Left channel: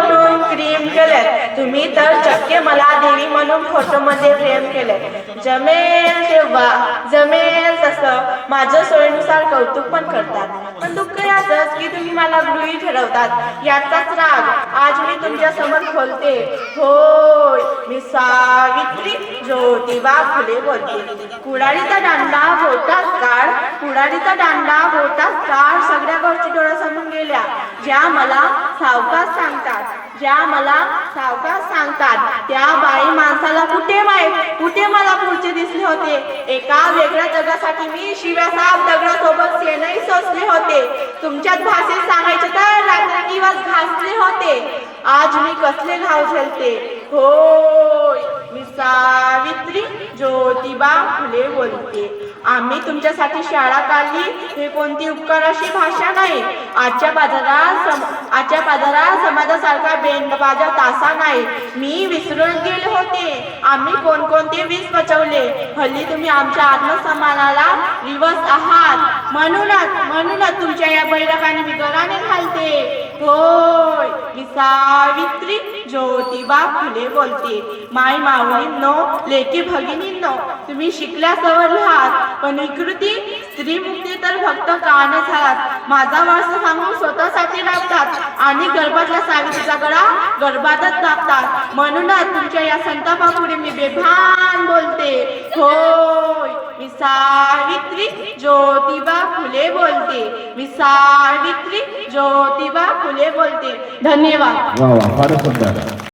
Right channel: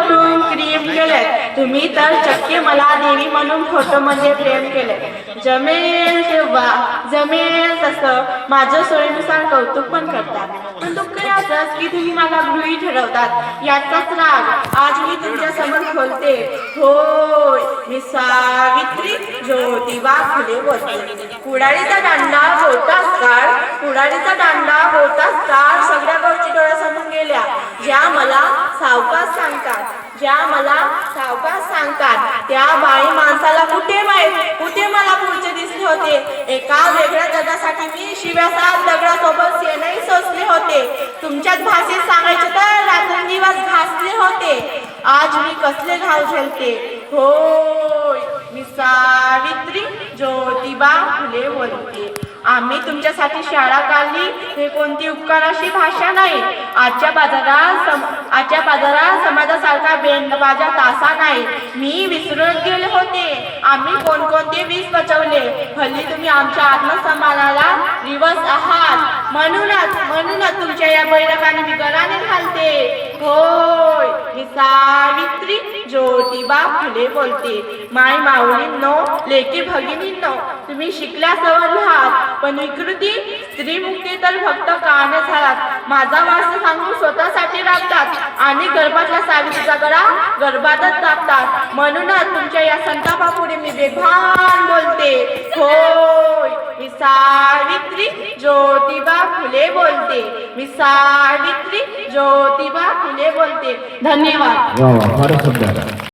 फोडून क्रीम केले, तुम्ही तर चक्के मला देवी म्हणून फोटो मध्ये प्रेम केले. जमेल तेव्हा जमेल तसं माझ्या सोयीनुसार कौतुक पण करतात, पण दुःख याचंच की तुम्ही मला गृहीत ठरवतात. याचाच राग आज मी तुमच्या समोर खोलते. होय, मी सावित्री ज्योतिबा फुले बोलते. कुडाळीचा दांडा होताच काळ, कुडाळीचा दांडा होताच काळ सगळ्या गावची डोळ्यासमोर गेल्या. ज्या मला सावकाश सांगतात, ज्या मला सावकाश सांगतात, त्या बाई माणसाला कुठे माहित, कुठे मला पुढचे दिसले होते. एका वेगळ्या जगासाठी मी शिव्यासात दगडासोबत सेनही सोसले होते. तुमच्याच भाषेत सांगायचे तर रात्रंदिवस घासले होते. आज मी कसले धाव झेलते. होय, मी सावित्री ज्योतिबा फुले बोलते. आम्ही तुमच्यासाठी शाळा काढली हे कोणती उपकाराची भाषा नाही. आजच्या बाजारात समाजासारखा बेंडबाजा तासा नाही. मी विसरून गेले होते आम्ही कोणकोणते वीज पचवले. हल्ली तुम्ही आमच्या आत्मसन्मानाला दिवस आहात, म्हणूनच तुमच्या या बैरकाने मी गळाने घालते. होय, मी सावित्री ज्योतिबा फुले बोलते. माय माऊलींनो, लेकी भगिनींनो, तुम्ही शिकल्या सवरले आहात, पण विकृती स्त्रीमुक्ती तर फक्त काळाने झालात. माझा वास सांगून स्वतःसाठी लागतात आणि गर्भाच्या सावित्रीचा गळा गर्भातच टाकतात. म्हणूनच तुमच्या या संतापापुढे मी बेभान बोलते. होय, मी सावित्री ज्योतिबा फुले बोलते. मी सावित्री ज्योतिबा फुले बोलते. धन्यवाद. वा वा, फारच सुंदर.